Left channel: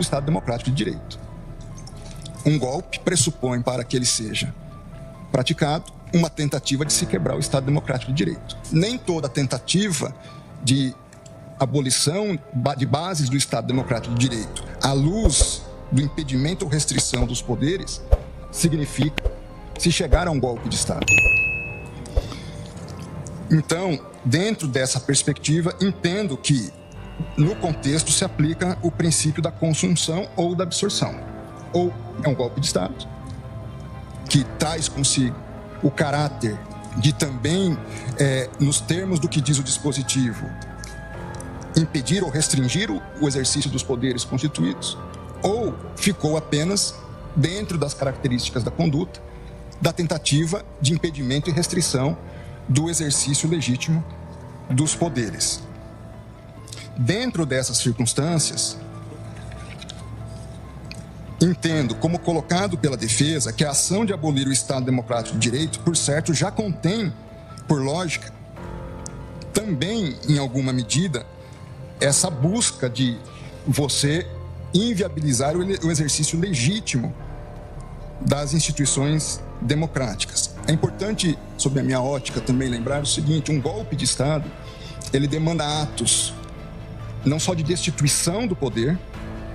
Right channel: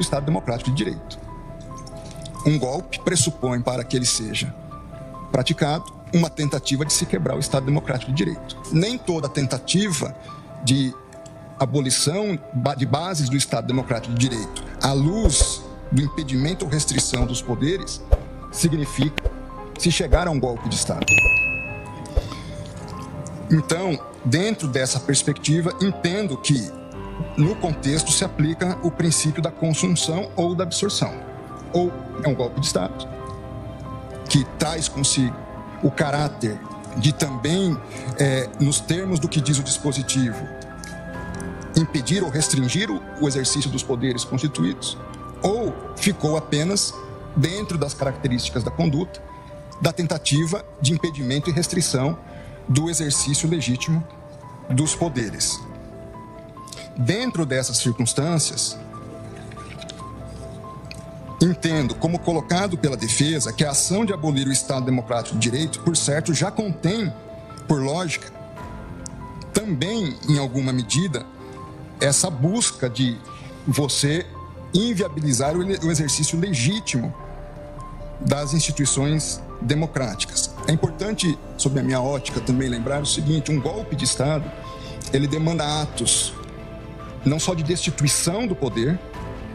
Estado Democrático de Direito. Um golpe pressupõe, para que ele seja praticado, uma tentativa de se quebrar o Estado Democrático de Direito. Nem toda tentativa de abolição de bases do Estado Democrático de Direito, à luz do impedimento ou restrição dos poderes, significa se chegar a um golpe de Estado. Então, dentro dessa perspectiva, entendo que, no contexto, se aplica o princípio da consunção ou da absorção. Ou é um golpe de Estado, que traz consigo o caráter de também, nos termos do que diz o dispositivo, impedir ou restringir o exercício dos poderes constituídos, ou ficou apenas dentro das características da conduta, da tentativa de impedimento e restrição do exercício legítimo dos poderes. Dentro dessas circunstâncias, entendo, como colocado pela defesa, que a ação de abolir o Estado Democrático de Direito, por certo, já contém, por lógica, também, em alguma medida, essa busca de você inviabilizar o exercício legítimo das instituições democráticas. É importante, sob a minha ótica, também lembrar o seguinte: um golpe de Estado, ele demanda atos não só de destituição do poder,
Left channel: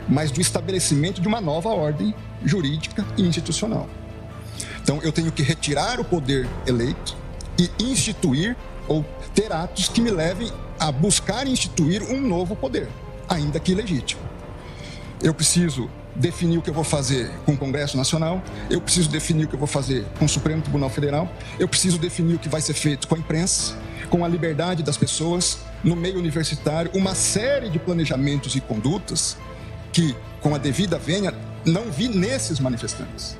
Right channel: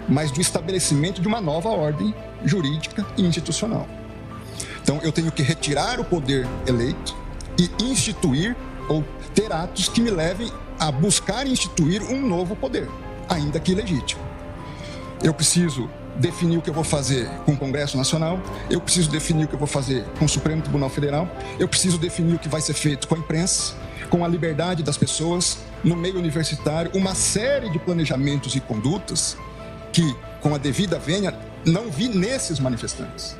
mas do estabelecimento de uma nova ordem jurídica e institucional. Então, eu tenho que retirar o poder eleito e instituir ou ter atos que me levem a buscar instituir um novo poder, ainda que ilegítimo. Eu preciso definir o que eu vou fazer com o Congresso Nacional, eu preciso definir o que eu vou fazer com o Supremo Tribunal Federal, eu preciso definir o que vai ser feito com a imprensa, com a liberdade das pessoas, no meio universitário, uma série de planejamentos e condutas que, com a devida vênia, não vi nesses manifestantes.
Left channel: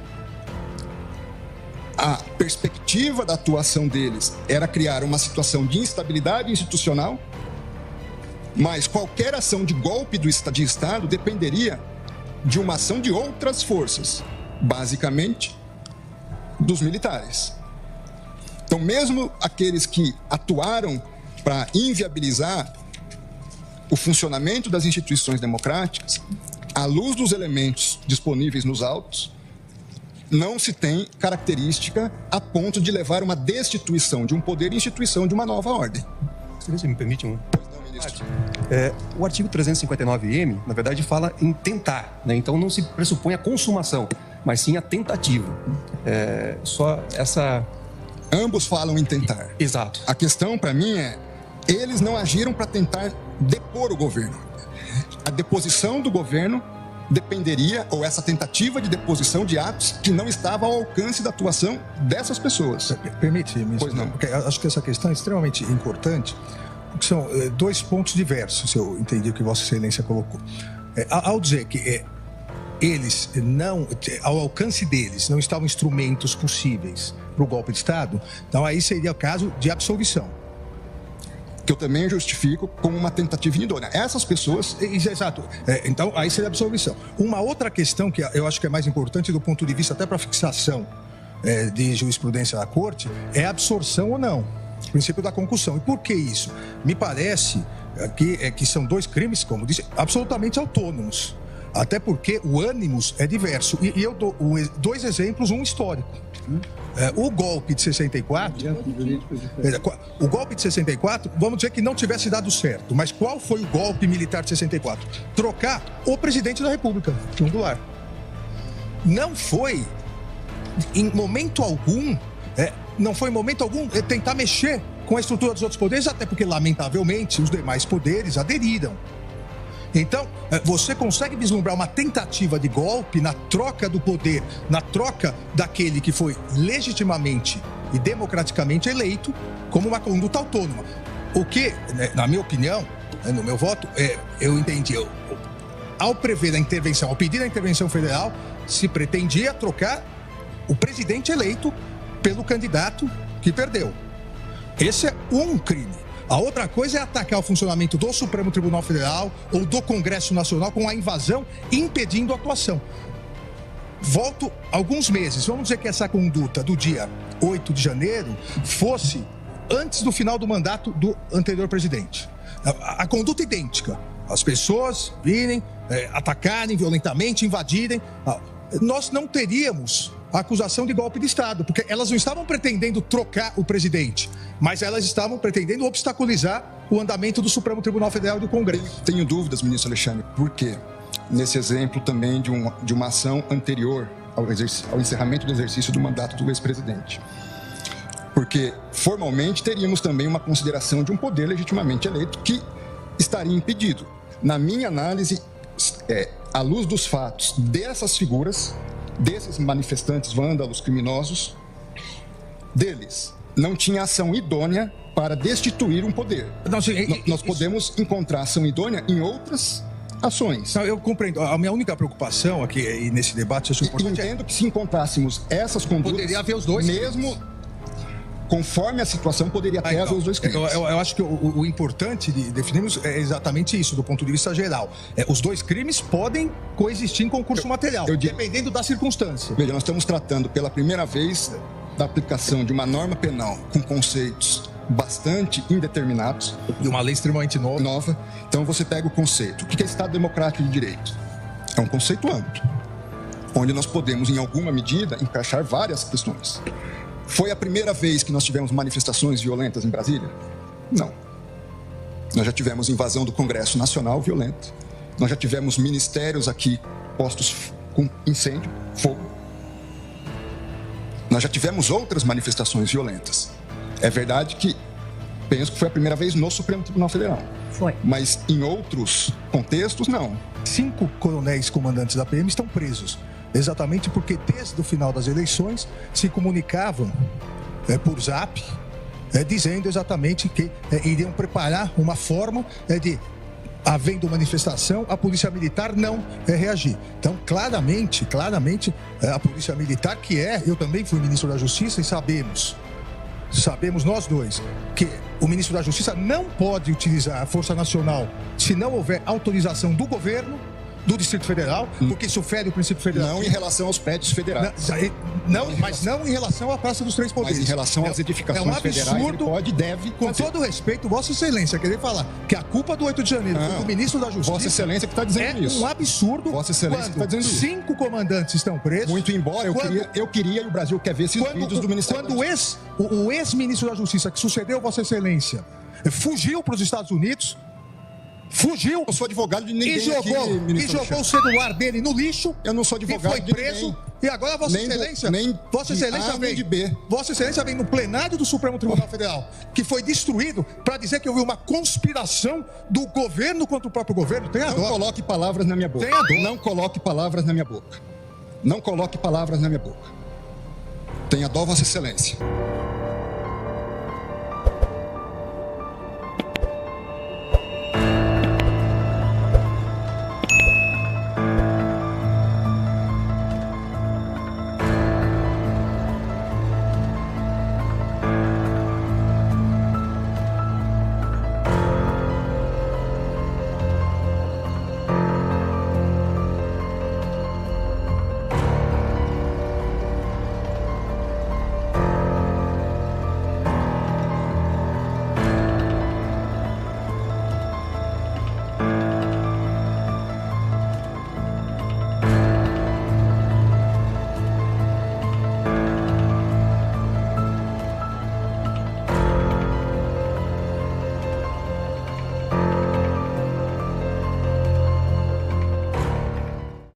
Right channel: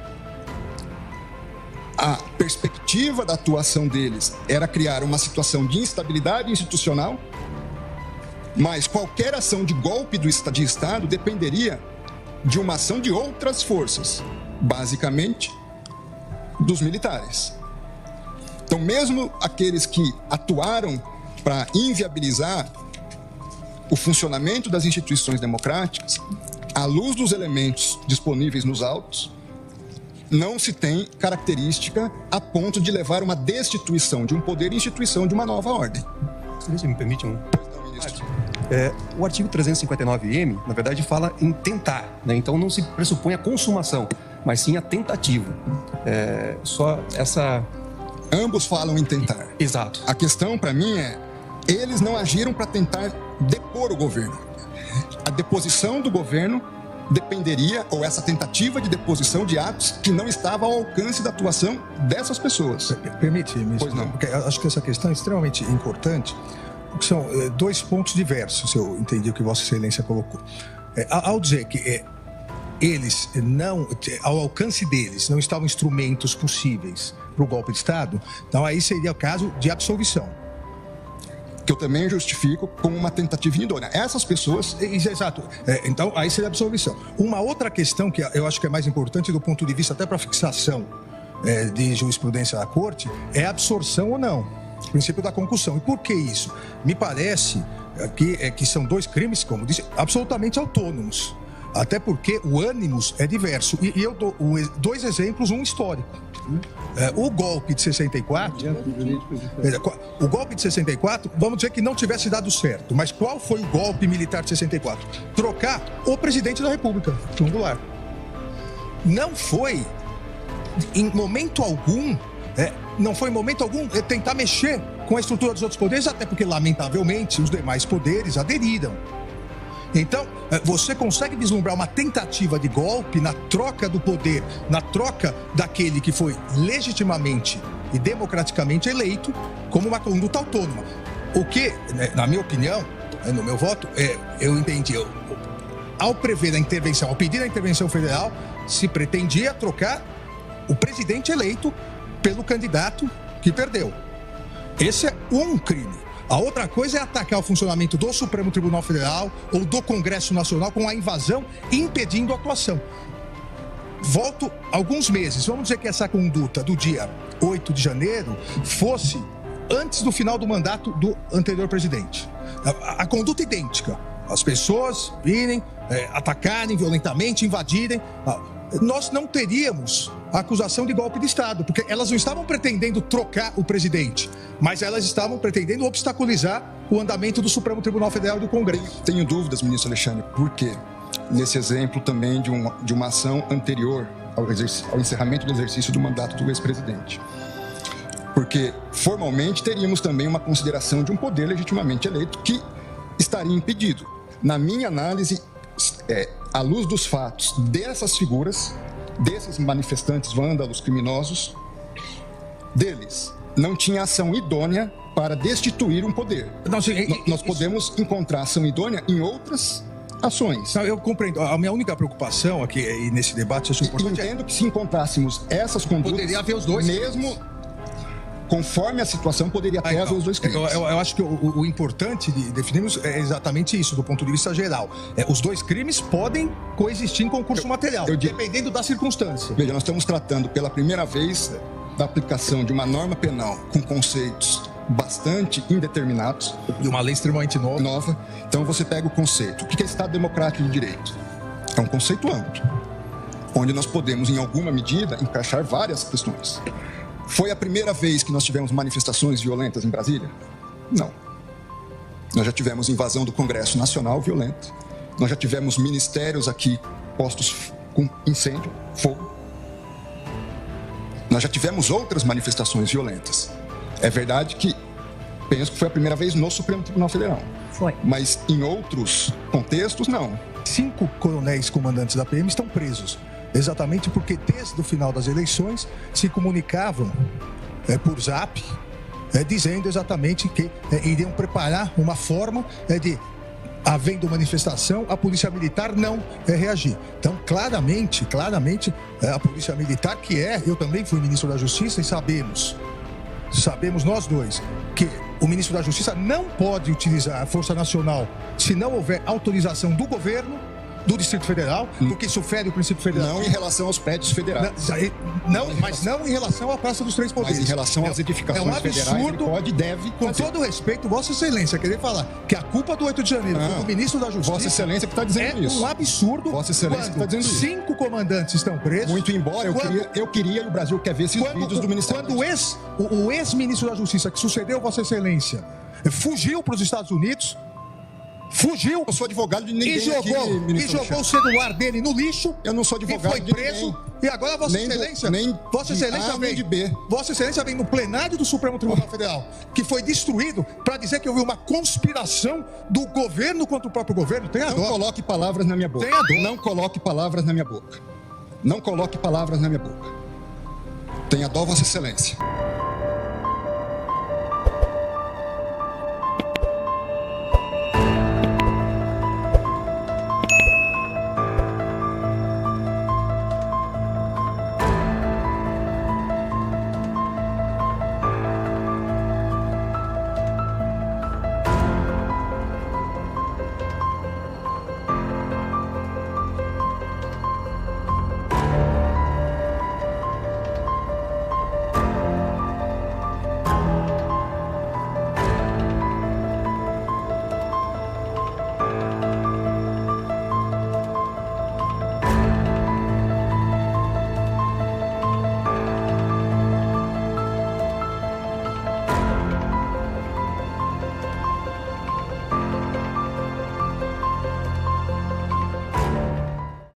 A perspectiva da atuação deles era criar uma situação de instabilidade institucional, mas qualquer ação de golpe de Estado dependeria de uma ação de outras forças, basicamente dos militares. Então, mesmo aqueles que atuaram para inviabilizar o funcionamento das instituições democráticas, à luz dos elementos disponíveis nos autos, não se tem característica a ponto de levar uma destituição de um poder e instituição de uma nova ordem. Se me permite, o artigo 359-M, na verdade, fala em tentar, né? Então não se pressupõe a consumação, mas sim a tentativa. Só essa... Ambos falam em tentar. Exato. A questão, para mim, eles não agiram para tentar depor o governo. A deposição do governo dependeria, ou essa tentativa de deposição de atos que não estavam ao alcance da atuação dessas pessoas. Permite-me, pois não. Porque acho que essa questão é extremamente importante, porque são dois pontos diversos, se eu entendi o que Vossa Excelência colocou. Ao dizer que eles não, ao alcance deles, não estavam instrumentos possíveis para o golpe de Estado, então aí seria o caso de absolvição. Que eu também justifico como uma tentativa idônea. Essas pessoas... Exato. Então, aí seria absolvição. Uma outra questão que eu acho que é mais importante do ponto de vista até para fixação de jurisprudência da Corte é a absorção ou não. O princípio da concussão. E por que isso? Me parece que são dois crimes, como disse, absolutamente autônomos. Até porque o ânimos é diverso. E eu dou dois exemplos, um histórico. O golpe de 64, vamos dizer que não tivesse dado certo. Mas qual foi o golpe militar de 64? Trocar o presidente da República, João Goulart. Não foi, em momento algum, tentar mexer com a estrutura dos outros poderes, até porque, lamentavelmente, os demais poderes aderiram. Então, você consegue vislumbrar uma tentativa de golpe na troca do poder, na troca daquele que foi legitimamente e democraticamente eleito como uma conduta autônoma. O que, na minha opinião, no meu voto, eu entendi, ao prever a intervenção, ao pedir a intervenção federal, se pretendia trocar o presidente eleito pelo candidato que perdeu. Esse é um crime. A outra coisa é atacar o funcionamento do Supremo Tribunal Federal ou do Congresso Nacional com a invasão impedindo a atuação. Volto alguns meses. Vamos dizer que essa conduta do dia 8 de janeiro fosse antes do final do mandato do anterior presidente. A conduta idêntica. as pessoas virem, atacarem violentamente, invadirem, nós não teríamos a acusação de golpe de Estado, porque elas não estavam pretendendo trocar o presidente, mas elas estavam pretendendo obstaculizar o andamento do Supremo Tribunal Federal e do Congresso. Tenho dúvidas, ministro Alexandre, por quê? Nesse exemplo também de uma ação anterior ao encerramento do exercício do mandato do ex-presidente. Porque, formalmente, teríamos também uma consideração de um poder legitimamente eleito que estaria impedido. Na minha análise, à luz dos fatos dessas figuras, desses manifestantes vândalos criminosos, deles não tinha ação idônea para destituir um poder. Nós podemos encontrar ação idônea em outras ações. Eu compreendo. A minha única preocupação aqui e nesse debate sociopolitico... Entendo que se encontrássemos essas condutas... Poderia haver os dois. Mesmo conforme a situação, poderia até haver os dois crimes. Eu acho que o importante de definirmos é exatamente isso, do ponto de vista geral. Os dois crimes podem coexistir em concurso material, dependendo da circunstância. Veja, nós estamos tratando pela primeira vez da aplicação de uma norma penal com conceitos bastante indeterminados. De uma lei extremamente nova. Então você pega o conceito. O que é Estado Democrático de Direito? É um conceito amplo, onde nós podemos, em alguma medida, encaixar várias questões. Foi a primeira vez que nós tivemos manifestações violentas em Brasília? Não. Nós já tivemos invasão do Congresso Nacional violenta. Nós já tivemos ministérios aqui postos com incêndio, fogo. Nós já tivemos outras manifestações violentas. É verdade que penso que foi a primeira vez no Supremo Tribunal Federal. Foi. Mas em outros contextos, não. 5 coronéis comandantes da PM estão presos. Exatamente porque desde o final das eleições se comunicavam por zap, dizendo exatamente que iriam preparar uma forma de, havendo manifestação, a Polícia Militar não reagir. Então, claramente, a Polícia Militar, que eu também fui ministro da Justiça e sabemos nós dois, que o ministro da Justiça não pode utilizar a Força Nacional se não houver autorização do governo, do Distrito Federal, porque isso fere o princípio federal. Não em relação aos prédios federais. Mas não em relação à Praça dos Três Poderes. Mas em relação às edificações federais, ele pode e deve com todo respeito, Vossa Excelência, querer falar que a culpa do 8 de janeiro foi do ministro da Justiça... Vossa Excelência que está dizendo isso. É um absurdo. Vossa Excelência que está dizendo isso. 5 comandantes estão presos. Muito embora eu queria e o Brasil quer ver esses vídeos do Ministério. Quando o ex-ministro da Justiça, que sucedeu Vossa Excelência, fugiu para os Estados Unidos... Fugiu, eu sou advogado de ninguém e jogou o celular dele no lixo. Eu não sou advogado de preso. E agora Vossa Excelência vem no plenário do Supremo Tribunal Federal, que foi destruído, para dizer que houve uma conspiração do governo contra o próprio governo. Não coloque palavras na minha boca. Não coloque palavras na minha boca. Não coloque palavras na minha boca. Tenha dó, Vossa Excelência.